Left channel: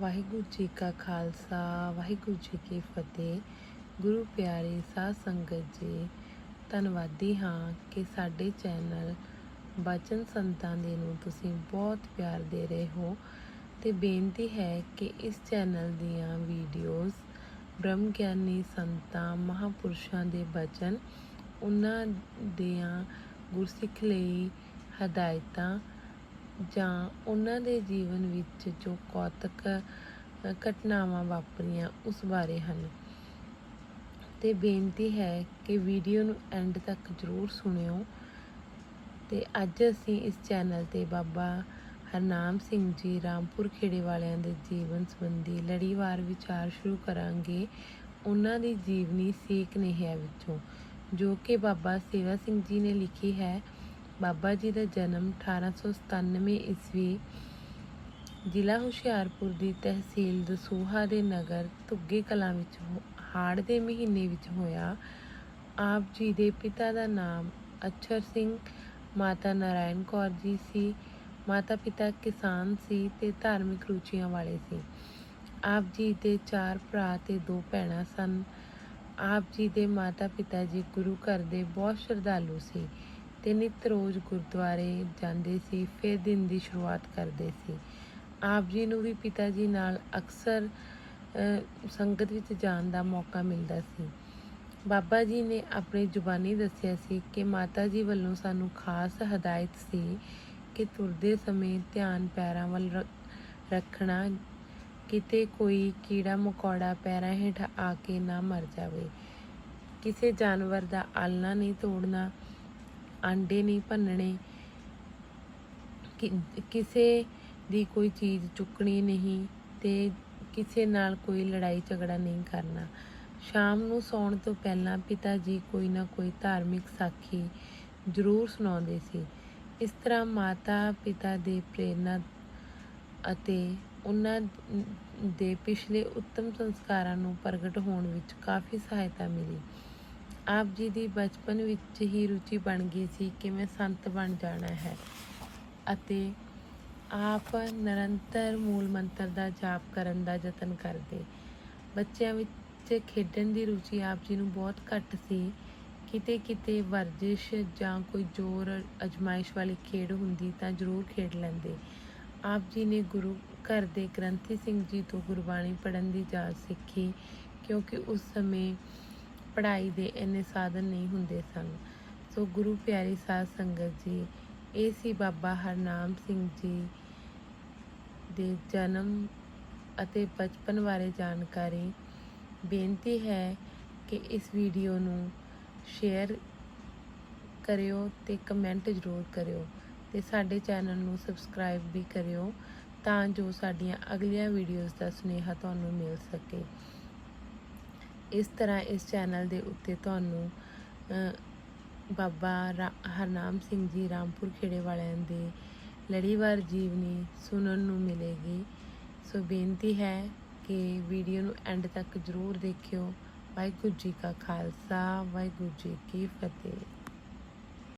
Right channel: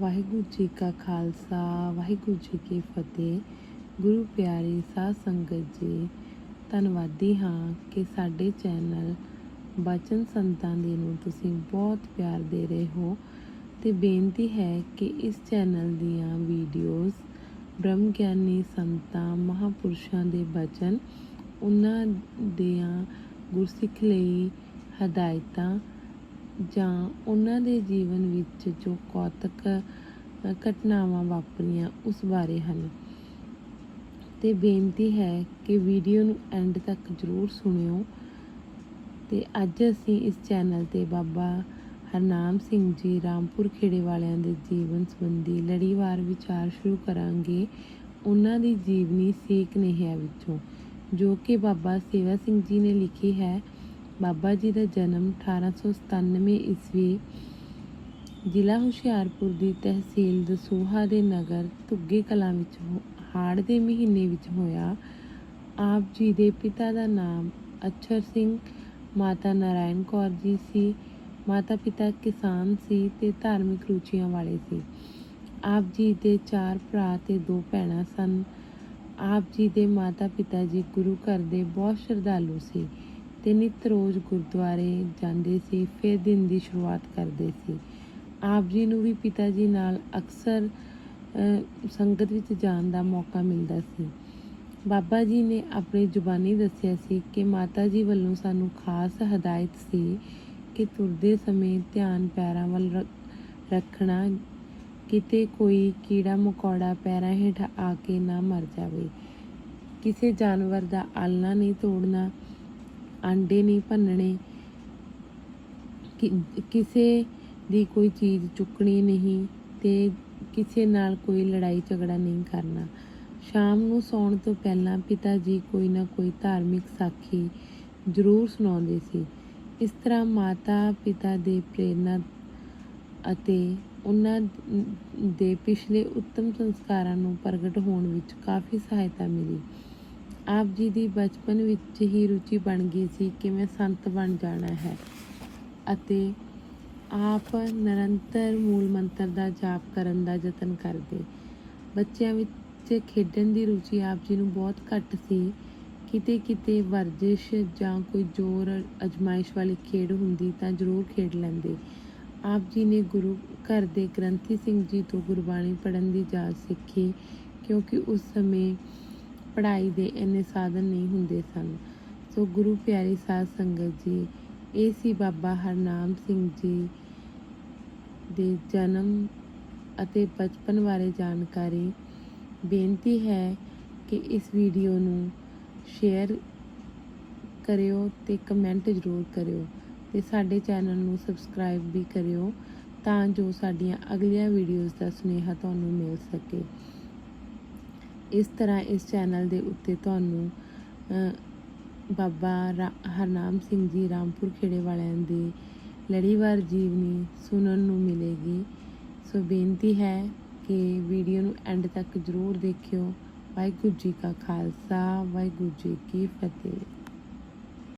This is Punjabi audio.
ਵਾਹਿਗੁਰੂ ਜੀ ਕਾ ਖਾਲਸਾ, ਵਾਹਿਗੁਰੂ ਜੀ ਕੀ ਫਤਿਹ। ਗੁਰੂ ਪਿਆਰੇ ਸਾਧ ਸੰਗਤ ਜੀ, ਧੰਨਵਾਦੀ ਹਾਂ ਕਿ ਸਾਡੇ ਚੈਨਲ ਬਚਨ ਸੰਤਾਂ ਦੇ ਨੂੰ ਤੁਸੀਂ ਬਹੁਤ ਪਿਆਰ ਦੇ ਰਹੇ ਹੋ ਤੇ ਬੇਨਤੀ ਹੈ ਕਿ ਇਸ ਚੈਨਲ ਦੀਆਂ ਵੀਡੀਓਜ਼ ਬ੍ਰਹਮ ਗਿਆਨੀ ਸੰਤਾਂ, ਮਹਾਪੁਰਸ਼ਾਂ ਦੇ ਬਚਨ, ਉਹਨਾਂ ਦੀਆਂ ਗੁਰਸਿੱਖ ਲਈ ਹਦਾਇਤਾਂ ਜਾਂ ਉਹਨਾਂ ਦੇ ਜੀਵਨ ਵਿੱਚ ਜੋ ਕੌਤਕ ਘਟਨਾਵਾਂ ਵਾਪਰੀਆਂ, ਉਸ ਬਾਰੇ ਹਨ। ਤੇ ਬੇਨਤੀ ਹੈ ਕਿ ਵੀਡੀਓ ਨੂੰ ਐਂਡ ਤੱਕ ਜ਼ਰੂਰ ਸੁਣਿਓ। ਤੇ ਅੱਜ ਅਸੀਂ ਇਸ ਚੈਨਲ ਤੇ ਬਾਬਾ ਹਰਨਾਮ ਸਿੰਘ ਜੀ ਰਾਮਪੁਰ ਖੇੜੇ ਵਾਲਿਆਂ ਦੇ ਜੀਵਨ ਸੰਬੰਧੀ ਲੜੀਵਾਰ ਵਿਚਾਰ ਸ਼ੁਰੂ ਕਰਾਂਗੇ। ਉਹਨਾਂ ਦੀ ਜੀਵਨੀ ਸੇਕ ਨੇਹਿਆ ਵਿੱਚੋਂ, ਜੋ ਕਿ ਬਾਬਾ ਸੇਵਾ ਸਿੰਘ ਜੀ ਨੇ ਲਿਖੀ ਹੈ। ਬਾਬਾ ਜੀ ਦਾ ਜਨਮ 1897 ਈਸਵੀ ਜ਼ਿਲ੍ਹਾ ਹੁਸ਼ਿਆਰਪੁਰ ਦੀ ਤਹਿਸੀਲ ਦਸੂਹਾ ਦੇ ਨਗਰ ਧੁੱਗੇ ਕਲਾਂ ਵਿੱਚ ਹੋ- ਹਾੜ ਦੇ ਮਹੀਨੇ ਵਿੱਚ ਹੋਇਆ। ਆਪ ਜੀ ਦੇ ਪਿਤਾ ਦਾ ਨਾਮ ਅਛਰ ਸਿੰਘ, ਮਾਤਾ ਨਾਰਾਇਣ ਕੌਰ ਜੀ ਸੀ। ਮਾਤਾ ਪਿਤਾ ਕਿਸਾਨ ਸੀ ਤੇ ਧਾਰਮਿਕ ਰੁਚੀਆਂ ਵਾਲੇ ਸੀ। ਆਪ ਜੀ ਦੇ ਚਾਰ ਭਰਾ ਤੇ ਦੋ ਭੈਣਾਂ ਸਨ। ਆਪ ਜੀ ਦੇ ਮਾਤਾ ਪਿਤਾ ਜੀ ਗੁਰੂ ਘਰ ਦੇ ਬਹੁਤ ਸ਼ਰਧਾਲੂ ਸੀ। ਤੇ ਨਿਤ ਰੋਜ਼ ਗੁਰਦੁਆਰੇ ਜਾਂਦੇ ਸੀ, ਫਿਰ ਦਿਨ ਦੀ ਸ਼ੁਰੂਆਤ ਕਰਦੇ ਸੀ। ਆਪ ਜੀ ਨੂੰ ਵੀ ਪਿਤਾ ਜੀ ਨਾਲ ਅਕਸਰ ਸੰਗਤ ਵਿੱਚ ਜਾਣ ਦਾ ਮੌਕਾ ਮਿਲਦਾ ਸੀ। ਬਾਬਾ ਜੀ ਨੇ ਆਪਣੀ ਜ਼ੁਬਾਨੀ ਦੱਸਿਆ ਸੀ ਕਿ ਮਾਤਾ ਜੀ ਵੱਲੋਂ ਸਾਨੂੰ ਖਾਸ ਹਦਾਇਤ ਸੀ ਕਿ ਤੁਰਦੇ ਸਮੇਂ ਧਿਆਨ ਪੈਰਾਂ ਵੱਲ ਰੱਖਣਾ, ਕਿਤੇ ਕੋਈ ਕੀੜਾ ਮਕੌੜਾ ਪੈਰਾਂ ਹੇਠ ਆ ਕੇ ਨਾ ਮਰ ਜਾਵੇ। ਕਿਸੇ ਜਾਨਵਰ ਦਾ ਆਲਣਾ ਨਹੀਂ ਤੋੜਨਾ ਆਂਡੇ ਨਹੀਂ ਭੰਨਣੇ, ਕਿ- ਕਿਸੇ ਦੀ ਕੋਈ ਚੀਜ਼ ਚੁੱਕਣੀ ਨਹੀਂ ਤੇ ਕਿਸੇ ਨਾਲ ਕੋਈ ਲੜਾਈ ਝਗੜਾ ਨਹੀਂ ਕਰਨਾ। ਸ਼ਾਮ ਨੂੰ ਸੌਣ ਤੋਂ ਪਹਿਲਾਂ ਪਿਤਾ ਜੀ ਕੋਈ ਨਾ ਕੋਈ ਧਾਰਮਿਕ ਸਾਖੀ ਜ਼ਰੂਰ ਸੁਣਾਉਂਦੇ ਸੀ। ਇਸ ਤਰ੍ਹਾਂ ਮਾਤਾ ਪਿਤਾ ਦੇ ਪ੍ਰੇਰਨਾ ਅਤੇ ਉਹਨਾਂ ਦੇ ਪਿਛਲੇ ਉੱਤਮ ਸੰਸਕਾਰਾਂ ਨੂੰ ਪ੍ਰਗਟ ਹੋਣ ਵਿੱਚ ਕਾਫੀ ਸਹਾਇਤਾ ਮਿਲੀ। ਆਪ ਜੀ ਦੀ ਬਚਪਨ ਵਿੱਚ ਹੀ ਰੁਚੀ ਬਣ ਗਈ ਸੀ ਕਿ ਮੈਂ ਸੰਤ ਬਣ ਜਾਣਾ ਹੈ ਅਤੇ ਆਪ ਨਿਰੰਤਰ ਮੂਲ ਮੰਤਰ ਦਾ ਜਾਪ ਕਰਨ ਦਾ ਯਤਨ ਕਰਦੇ। ਬੱਚਿਆਂ ਵਿੱਚ ਖੇਡਣ ਦੀ ਰੁਚੀ ਆਪ ਜੀ ਨੂੰ ਬਹੁਤ ਘੱਟ ਸੀ। ਕਿਤੇ ਕਿਤੇ ਵਰਜਿਸ਼ ਜਾਂ ਕੋਈ ਜ਼ੋਰ, ਅਜਮਾਇਸ਼ ਵਾਲੀ ਖੇਡ ਹੁੰਦੀ ਤਾਂ ਜ਼ਰੂਰ ਖੇਡ ਲੈਂਦੇ। ਆਪ ਜੀ ਨੇ ਗੁਰੂ ਘਰ ਦੇ ਗ੍ਰੰਥੀ ਸਿੰਘ ਜੀ ਤੋਂ ਗੁਰਬਾਣੀ ਪੜ੍ਹਨ ਦੀ ਜਾਚ ਸਿੱਖੀ ਕਿਉਂਕਿ ਉਸ ਸਮੇਂ ਪੜ੍ਹਾਈ ਦੇ ਇੰਨੇ ਸਾਧਨ ਨਹੀਂ ਹੁੰਦੇ ਸਨ। ਸੋ ਗੁਰੂ ਪਿਆਰੀ ਸਾਧ ਸੰਗਤ ਜੀ ਇਹ ਸੀ ਬਾਬਾ ਹਰਨਾਮ ਸਿੰਘ ਜੀ ਦੇ ਜਨਮ ਅਤੇ ਬਚਪਨ ਬਾਰੇ ਜਾਣਕਾਰੀ, ਬੇਨਤੀ ਹੈ ਕਿ ਇਸ ਵੀਡੀਓ ਨੂੰ ਸ਼ੇਅਰ ਕਰਿਓ ਤੇ ਕਮੈਂਟ ਜ਼ਰੂਰ ਕਰਿਓ ਤੇ ਸਾਡੇ ਚੈਨਲ ਨੂੰ ਸਬਸਕ੍ਰਾਈਬ ਵੀ ਕਰਿਓ ਤਾਂ ਜੋ ਸਾਡੀਆਂ ਅਗਲੀਆਂ ਵੀਡੀਓਜ਼ ਦਾ ਸੁਨੇਹਾ ਤੁਹਾਨੂੰ ਮਿਲ ਸਕੇ। ਇਸ ਤਰ੍ਹਾਂ ਇਸ ਚੈਨਲ ਦੇ ਉੱਤੇ ਤੁਹਾਨੂੰ ਬਾਬਾ ਰਾ- ਹਰਨਾਮ ਸਿੰਘ ਜੀ ਰਾਮਪੁਰ ਖੇੜੇ ਵਾਲਿਆਂ ਦੀ ਲੜੀਵਾਰ ਜੀਵਨੀ ਸੁਣਨ ਨੂੰ ਮਿਲੇਗੀ। ਸੋ ਬੇਨਤੀ ਹੈ ਕਿ ਵੀਡੀਓ ਨੂੰ ਐਂਡ ਤੱਕ ਜ਼ਰੂਰ ਦੇਖਿਓ। ਵਾਹਿਗੁਰੂ ਜੀ ਕਾ ਖਾਲਸਾ, ਵਾਹਿਗੁਰੂ ਜੀ ਕੀ ਫਤਿਹ।